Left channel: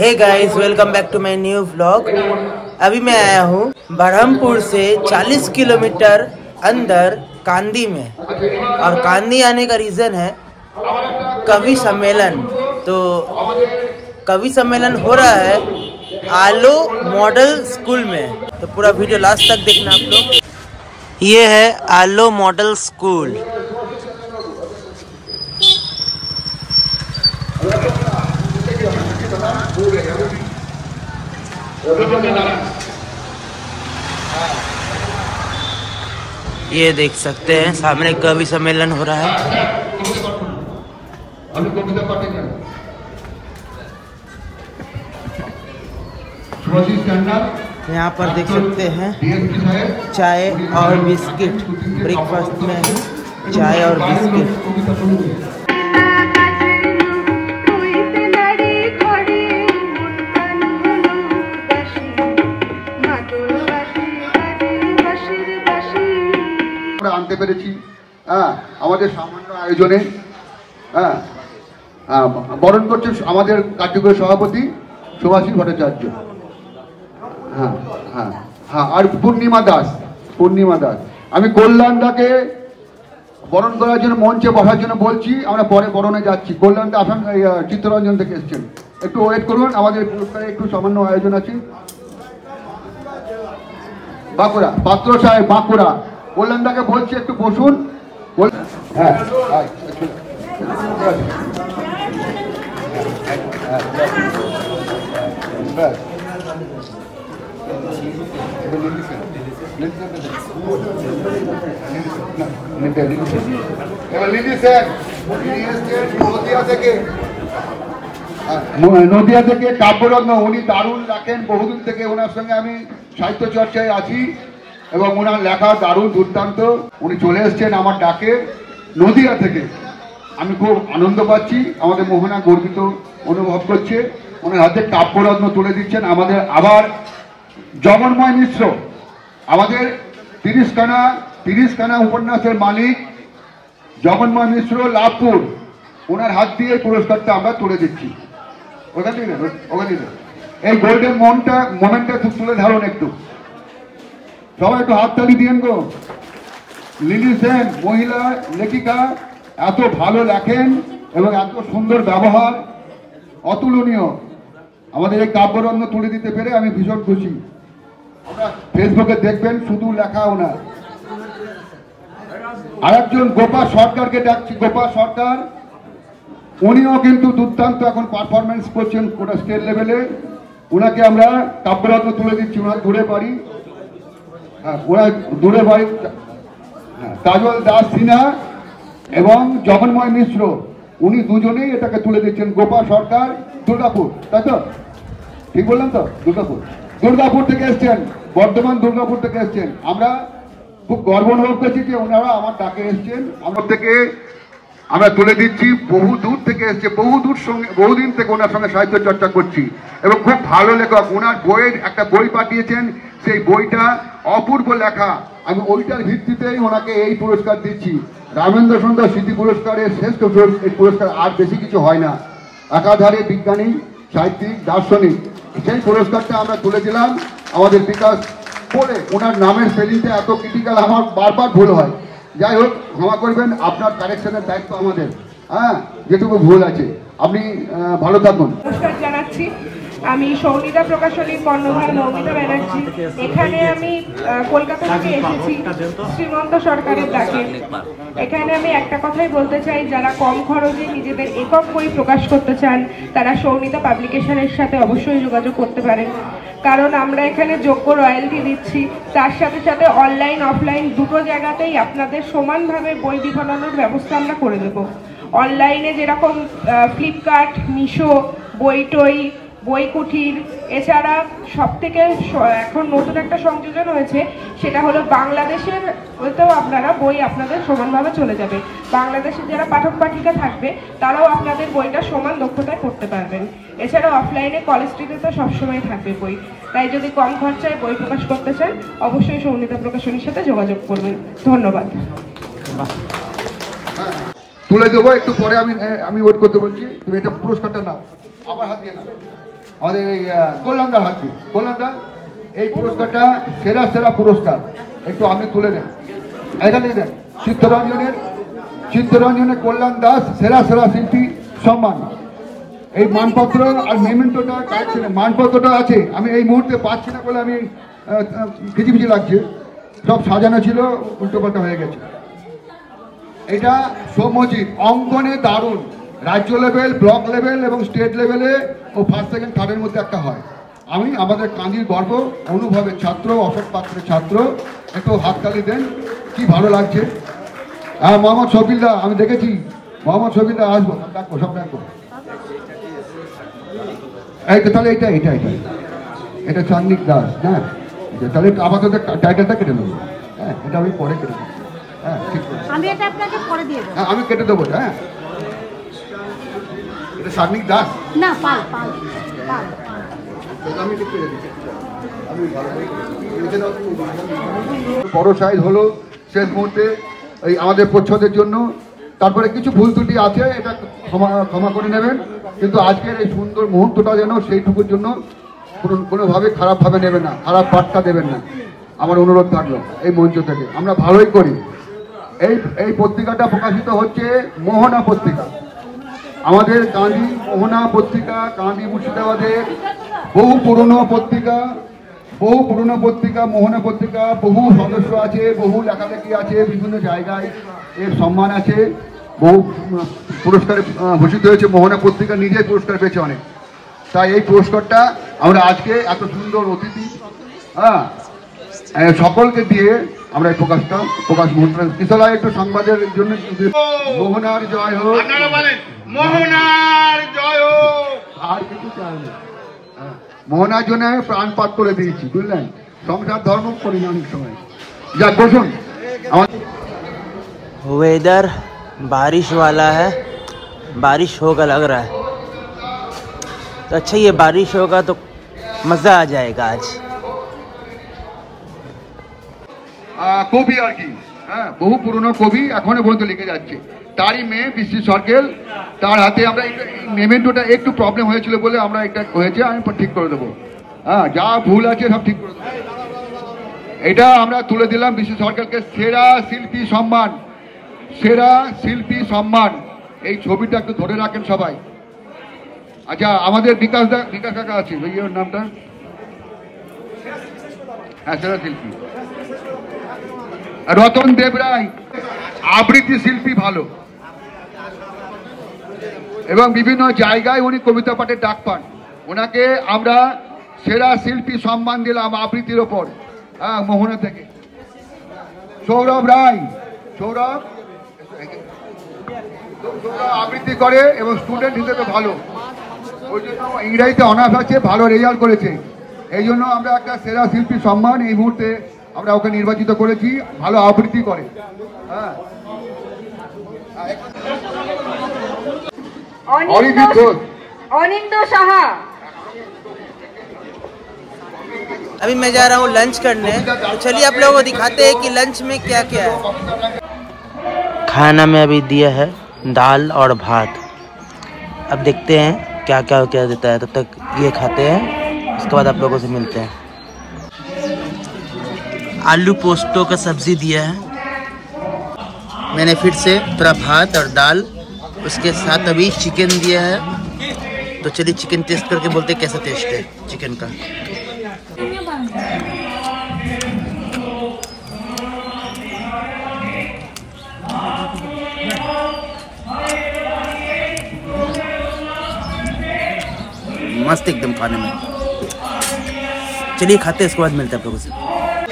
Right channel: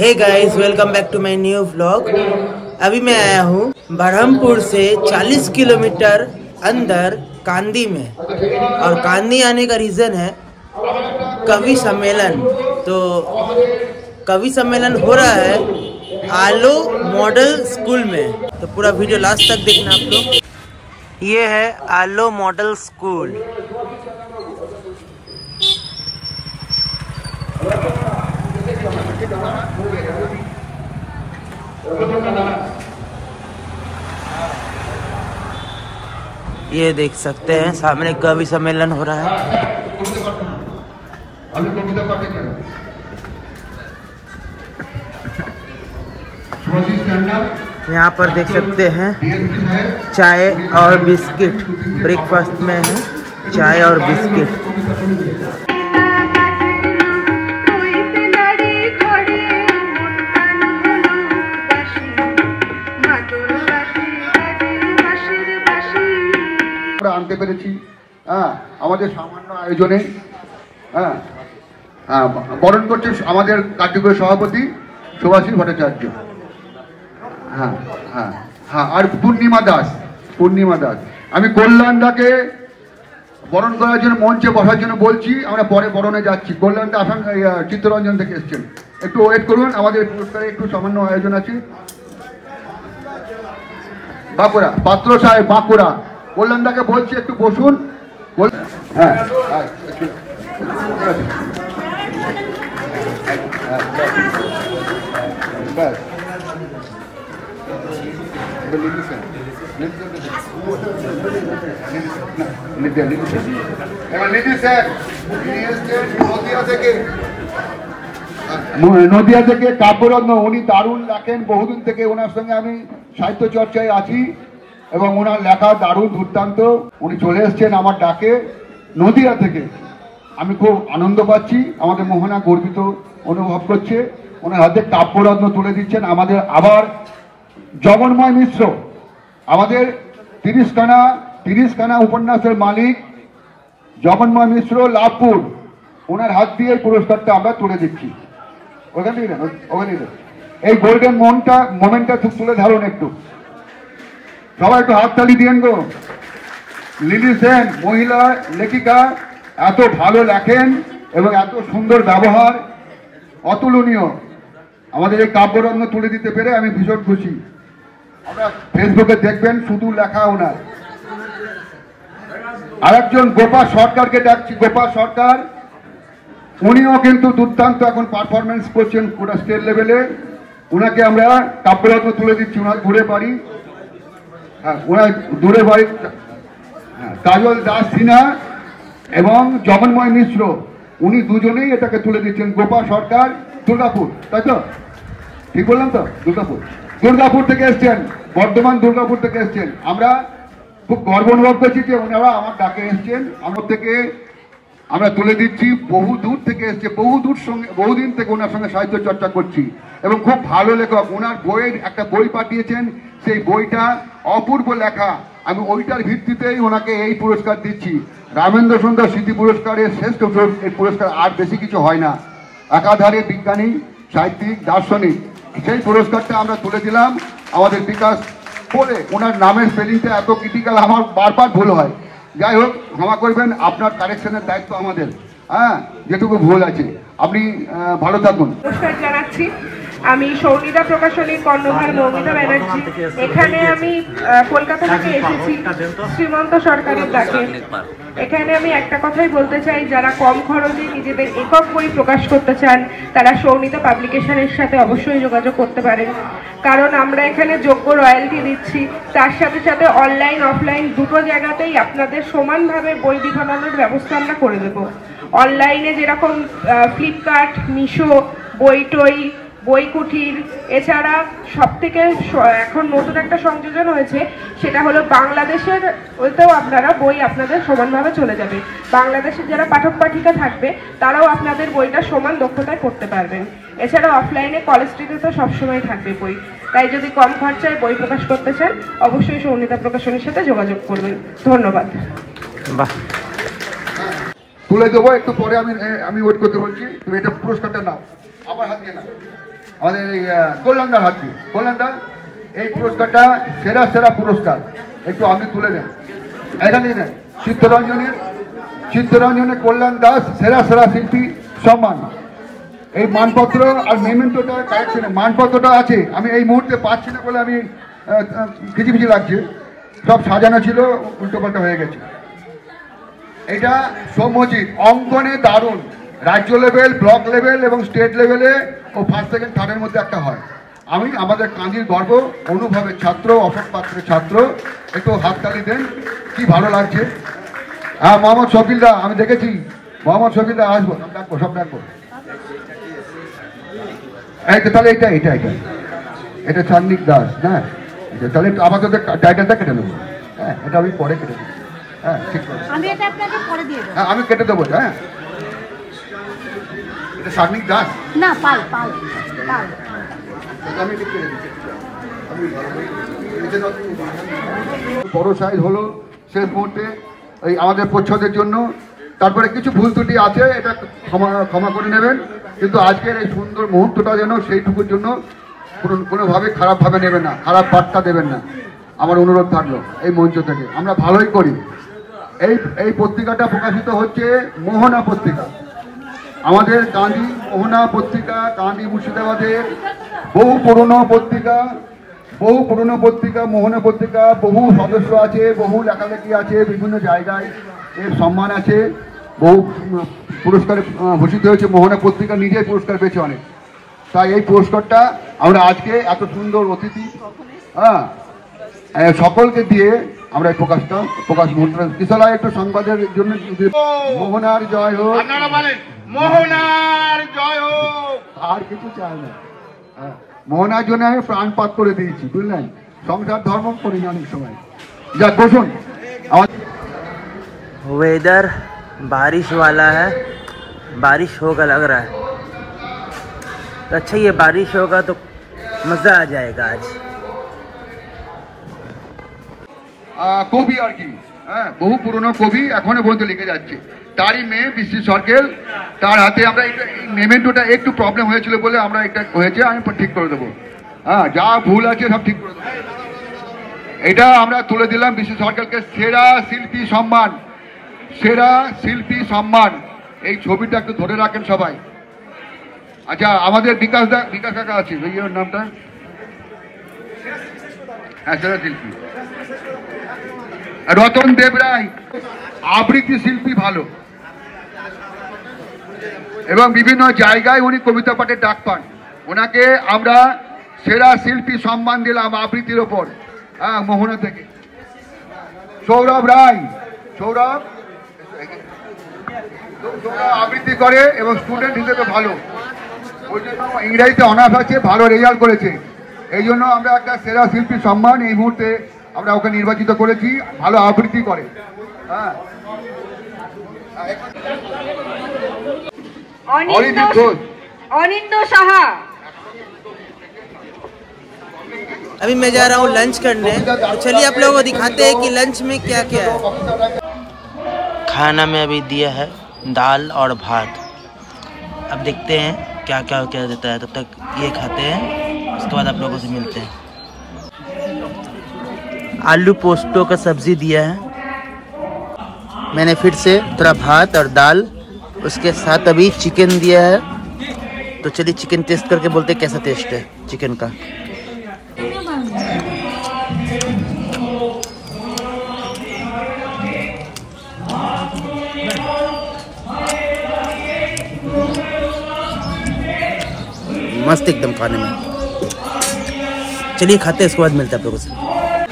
Hey guys, welcome back to my new vlog. अभी मैं आया हूँ बरहमपुर से 40 किलोमीटर अंदर कांदी में, और कांदी आने का रीजन है कवि सम्मेलन। तो कवि सम्मेलन हो रहा है आलो मॉडल स्कूल में, तो पूरा वीडियो लास्ट तक देखना आप लोग। ये है आलो मॉडल स्कूल। ये देख सकते हैं सामने कवि सम्मेलन हो रहा है। यहाँ पर देख सकते हैं चाय और बिस्किट, ब्रेकफास्ट में है चाय और बिस्किट। আনতে পেরেছি আমাদের সামান্য আয়োজনে বরণ করছে আমাদের কার্যকরী সভাপতি সুভাষী ভট্টাচার্য, আর পূর্ণিমা দাস। আমি কল্যাণদাকে বরণ করার জন্য মঞ্চে বসার জন্য বলছি, আমরা পরে বরণে যাচ্ছি। কল্যাণদা আসান চিত্তরঞ্জন থেকে এসছেন, একটু ওয়েট করুন, আমাদের পুরস্কারে একটু সামান্য আয়োজন আছে। বাঁকুড়া পাত্র সাহেব, বাঁকুড়া, কল্যাণদাকে বলছি একটু বসুন। নদিয়া থেকে কাব্যরত্ন, উনি দারুণ রাখেন, বহুদিন থেকে ওনার সঙ্গে আমি সাহিত্য চর্চায় আছি এবং ওনার লেখা দারুণ দুর্দান্ত। উনি চলে এসছেন আমার ডাকে নদিয়া থেকে, আমি খুব আনন্দ পাচ্ছি, আমাদের মোহনা গর্বিত অনুভব করছে। ওনার হাতে কাব্যরত্ন তুলে দিচ্ছেন আমাদের আবার জগন্ময় মিশ্র, আমাদের 30খানা উপন্যাসের মালিক জগন্ময় মিশ্র লাভপুর, ওনার হাত দিয়ে এই পুরস্কারটা আমরা তুলে দিচ্ছি। এই গোল্ডেন মোমেন্টটা খুব তুলে ধরুন একটু, সবাই একটু হাততালি দিয়েন গো। লিলি সেন মহিলা লেখিকা, এত ভালো লেখেন এবং এত সুন্দর ব্যবহার, অতুলনীয়। আমাদের এই কাব্যরত্ন তুলে দিতে পেরে আমি ভীষণ খুশি। আমরা ফেসবুকে দেখবেন শুধু লেখা ওনার। আরেকজন গোপাল সরকারকে ডাকছি, গোপাল সরকার, উনিও কিন্তু দুর্দান্ত এখন পারফরমেন্স করছেন গোটা স্টেট লেভেলে। ওনাকে আমরা কাব্যরত্ন তুলে দিচ্ছি। ওনার দূরে বাড়ি কাজল দাস সিনহা এবং জগন্ময় মিশ্র, উনি দুজনেই এটাকে তুলে দিচ্ছেন। গোপাল সরকার দুর্গাপুর, তাই তো ঠিক বললাম তো? দুর্গাপুর থেকে এসছেন, বর্ধমান দুর্গাপুর থেকে এসছেন। আমরা খুব গর্ব অনুভব করছি যে ওনারা আমার ডাকে এসছেন। আমার থেকে আমরা তুলে দিচ্ছি, বহু দূর থেকে এসছে, বহুদিন থেকে ওনার সঙ্গে সাহিত্য চর্চা করছি এবং খুব ভালো লেখক। ওনার বইয়ের একটা বই পাঠিয়েছেন, সেই বইটা অপূর্ব লেখা। আমি ওইটার ভিত্তিতেই ওনাকে এই পুরস্কার দিচ্ছি। রামেন্দ্র সুন্দর স্মৃতি পুরস্কারের শ্রেষ্ঠ এই পুরস্কার আর বেশি কিছু হয় না। একাধারে বিজ্ঞানী, সাহিত্যিক, দার্শনিক, সেই পুরস্কারটা আমরা তুলে দিলাম। আমাদের বিকাশ বলে ওনার নামের স্পেলিংটা এত ক্রিটিক্যাল, আমার বারবার ভুল হয়। যাই হোক, ক্ষমা করবেন, আপনার কারেকশনের দায়িত্ব আমাদের। যেটুকু ভুল আছে, আপনি ভালো থাকুন। নমস্কার জানাচ্ছি, আমি সৌনিতা প্রকাশনীর কর্ণধার মৌমিতা ব্যানার্জি। এখানে আমি কলকাতা থেকে এসেছি শ্রীমন্ত সরকারের ডাকে। এখানে আমি একটা কথাই বলতে চাই, যারা কম খরচে নিজেদের একক বই প্রকাশ করতে চান তারা সৌনিতা পাবলিকেশনের সাথে অবশ্যই যোগাযোগ করতে পারেন, কারণ আমরা এখানে যোগ্য রয়্যালটি দিচ্ছি। তার সাথে সাথে অনলাইন অফলাইন দুটো জায়গাতেই আপনাদের সমানভাবে বই বিতরণের ব্যবস্থা আমরা করে দেব। অনলাইনে যেরকম ফ্লিপকার্ট, মিশো, বইটই, বইকুঠির, এছাড়া সবথেকে এখন নতুন একটা সংযোজন হয়েছে, সেটা হলো বাংলাদেশের ওতেও আপনারা বই আপনাদের সমানভাবে চলে যাবে। বাংলাদেশের যারা পাঠক পাঠিকা থাকবে তারাও আপনাদের বইটা সমান দক্ষতায় পড়তে পারবেন। এছাড়া অফলাইনে কলেজ স্ট্রিটে তো সবসময় থাকবে বই, তাই যদি কম খরচায় বই প্রকাশ করতে চান অবশ্যই সৌনিতা প্রকাশনীর সাথে যোগাযোগ করবেন। ধন্যবাদ। তুলে দেবো একটু পরে, আমি ওয়েট করতে বলছি। তুমি এটা পুরস্কারটা নাও, আমার হাত দিয়ে নাও। আমাদের কল্যাণদার হাতে। কল্যাণদার এই পুরস্কারটা সেরা সেরা পুরস্কার, একটু আপনি তুলে দেন এখানে দেন। চিত্তরঞ্জনের কল্যাণ দাস সেরা সেরা শিল্পী সম্মান। এই মানপত্র আর মেমেন্টোটা কালেকশনে মানপত্রটা আছে, আমি এই মুহূর্তে পাচ্ছি না বলে আমি খিচিমিচি লাগছে, সব সাজানো ছিল, উল্টোপাল্টা হয়ে গেছে। এটা সৌম্যজিৎ অঙ্কনে দারুণ, রাজ্য লেভেল, ব্লক লেভেল এবং স্টেট লেভেলে ও ফার্স্ট সেকেন্ড থার্ডের মধ্যে একটা হয়। আমি আমাদের কান্দির গর্ব, অনুভবের ছাত্র, অফেট পাত্রের ছাত্র, একটু হাততালি দেন, কি ভালো লাগছে। হ্যাঁ মোহাম্মদ শফিলদা, আমি দেখেছি মোহাম্মদ শফিলদা আসবো, ডাকবো, সব ডাকবো। তাহলে এটা এটা এটা এটা চান্দিক দাস, হ্যাঁ তাহলে আপাতত টাইটেলটা কেটে নেবো। হ্যাঁ এটা আমি পরে কেটে দেবো। হ্যাঁ ঠিক আছে, আমি এটা আপনাকে পরে দিয়ে দেব। হ্যাঁ আমি কেটে দেবো। হ্যাঁ এটা চান্দিক দাস না, পাল পাল পাল। আমি বড় সাইজ হলো শেষ মুহূর্তে ওই আমাদের প্রচ্ছদের জন্য। তারপরে কিছু ভুল ত্রুটি আছে, এটা ক্ষমা করে নেবেন, কিন্তু আজকের এই সুন্দর মুহূর্তটা যেন সেইটুকুর জন্য কোনোভাবে খারাপভাবে নেবেন না, খারাপ বার্তা দেবেন না, আমার অনুরোধ থাকলো এই মঞ্চ থেকে। আমরা ভালোই করি। এই পত্রিকাটা প্রকাশিত হচ্ছে মোহনা পত্রিকা, আমাদের কান্দি মোহনা পত্রিকা, কান্দি মুর্শিদাবাদের বহু পুরনো পত্রিকা মোহনা পত্রিকা, বহু সদস্য আছে, বহু লেখালেখি আছে, বিভিন্ন জায়গায় এর সম্মান আছে, বহু পুরস্কারে ভূষিত হয়েছে। মোহনা পত্রিকা নিজের পুরস্কার পেয়েছে অনেক। তাই এই পুরস্কারটা আমরা আজকে এত সুন্দর অতিথি সকলকে দিয়ে আমরা এই প্রকাশ মুহূর্ত কিশোরা একটু সংবাদের জন্য। মোহনার জয় হোক, আপনারা বলেন মোহনার জয় হোক। আর কিছু চাই না, মোহনার জন্য আমি প্রাণপাত করে দিয়েছি, বুঝলেন, সংসার ধর্ম করি না অনেক সময়। যাক বসুন। वेदर बारिश वाला है, बारिश होगा लग रहा है, तो अच्छा ये बारिश होगा तो मज़ा आ जाएगा आज। কবি আর কি, হ্যাঁ বহু পুরনো কবি এখনো পর্যন্ত লিখে যাচ্ছে। তারই মেয়ে বিশ্রী সরকেল, তার হাতে আমরা মেমেন্টোটা একটু প্রবলেম হয়েছিল বলে আমরা এটা হয়েছে, আমি ঠিক করে দেবো। হ্যাঁ যা ভুল আছে সব ঠিক করে দেবো। এটা আমরা তুলে দিলাম বিশ্রী সরকেলকে সেরা শিল্পী সম্মান, সেরা শিল্পী সম্মান। এই ছবিটা একটু ধরে রাখেন সবাই। আচ্ছা আমাদের বিকাশ কাকা আছে, ওর নামটা, হ্যাঁ সেরা শিল্পী। রতন দেব রায় আবৃত্তি শিল্পী ভালো, এবং বিভিন্ন জায়গায় উনি কবিতা পাঠের ডাক পান। ওনাকে আমরা সেরা শিল্পী সম্মান দিলাম আবৃত্তির ওপর, হ্যাঁ মোহনা থেকে। সৌরভ রায়, সৌরভ আবৃত্তি করে এবং স্টুডেন্ট হিসেবে ভালো, ওই জন্য ইংরেজিতে অনার্স আছে, ভালো রেজাল্ট করেছে, এই জন্য আমরা একটা সেরা শিল্পী সম্মান এই মুহূর্তে আমরা ওকে নির্বাচিত করেছি। ভালো আবৃত্তি করে। হ্যাঁ অনিন্দ সাহা। अभी मैं जा रहा हूँ लंच करने, तो चलिए आप लोगों को दिखाते हैं कि लंच में क्या क्या है। खाना में अभी दिया है दाल और भात, अब देखते हैं क्या क्या क्या देता है। तब तक ये खाते हैं, उसके बाद आप लोगों से मिलते हैं। आलू पोस्तो का सब्जी दिया है, मैंने फिर से थोड़ा भात और दाल, उसके साथ अभी चिकन दिया है। तो चलिए चिकन टेस्ट करके बोलते हैं कैसा टेस्ट है चिकन का। मस्त एकदम खाने में। चलिए खाते हैं, इसके बाद मिलते हैं आप लोगों से।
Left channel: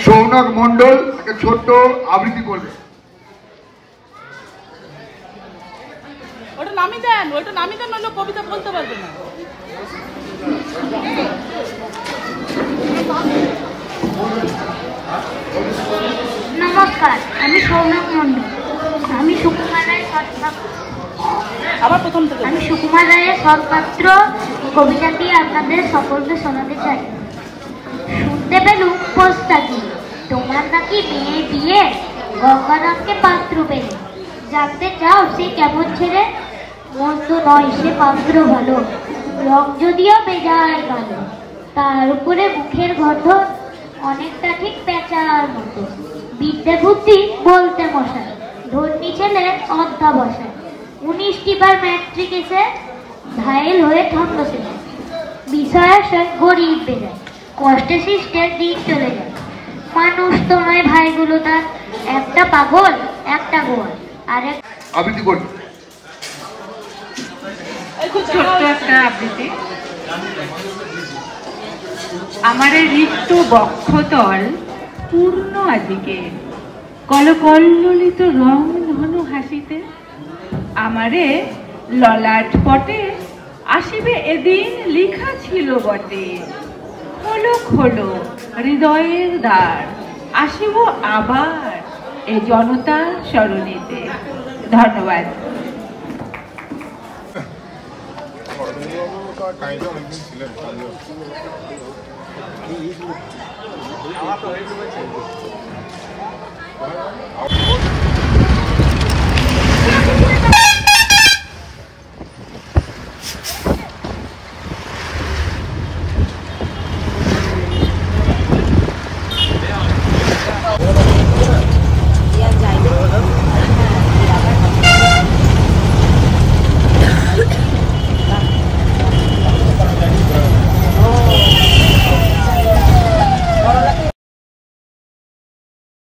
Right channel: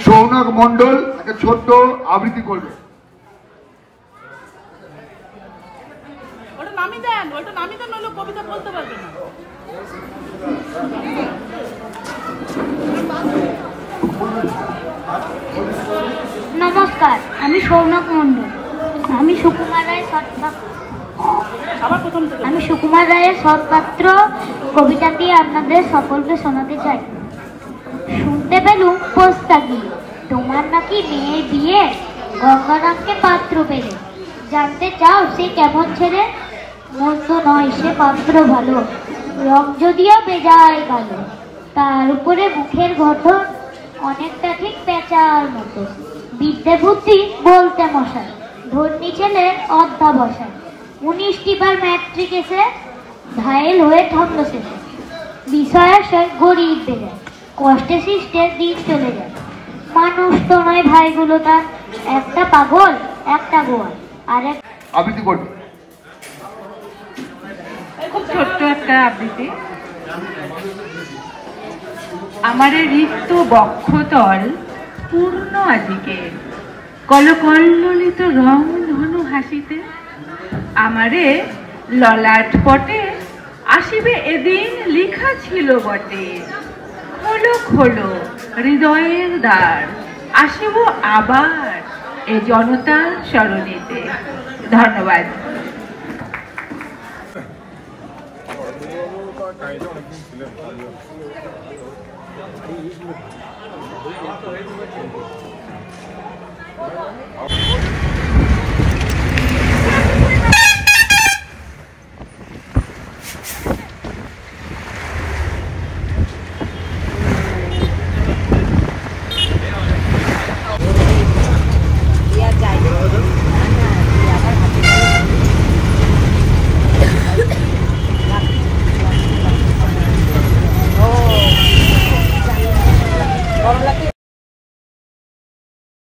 সৌনক মন্ডল ছোট্ট আবৃত্তি করবে। নমস্কার, আমি সৌনক মন্ডল। আমি সুকুমার রায়ের সৎপাত্র কবিতাটি আপনাদের সকলকে শোনাতে চাই। শুনতে পেলুম পোস্তাকি, তোমার নাকি মেয়ে বিয়ে, গঙ্গানাথকে পাত্র পেলে। জানতে চাও সে কেমন ছেলে? মন্দ নয়, সে পাত্র ভালো। রং যদিও বেজায় কালো, তার উপরে মুখের গঠন অনেকটা ঠিক পেঁচার মতো। বিদ্যে বুদ্ধি বলতে মশাই, ধর্মী ছেলে অধ্যাবসায়। 19টি বার ম্যাট্রিক এসে ঘায়েল হয়ে ধন্য শেষে। বিষয়াশয় গরিব বেড়ে, কষ্টে সৃষ্টের দিন চলে যায়। মানুষ তোমায় ভাইগুলো তার, একটা পাগল একটা গোয়াল আর এক। আবৃত্তি করবে খুব ছোট্ট একটা আবৃত্তি। আমারে ঋতু বক্ষতল পূর্ণ আজিকে, কলকল্লিত রং ধনু হাসিতে। আমারে ললাট পটে আসিবে এদিন লিখা ছিল বটে। খোলো খোলো হৃদয়ের দ্বার, আসিব আবার এ জনতা সরণিতে। ধন্যবাদ। ছিলেন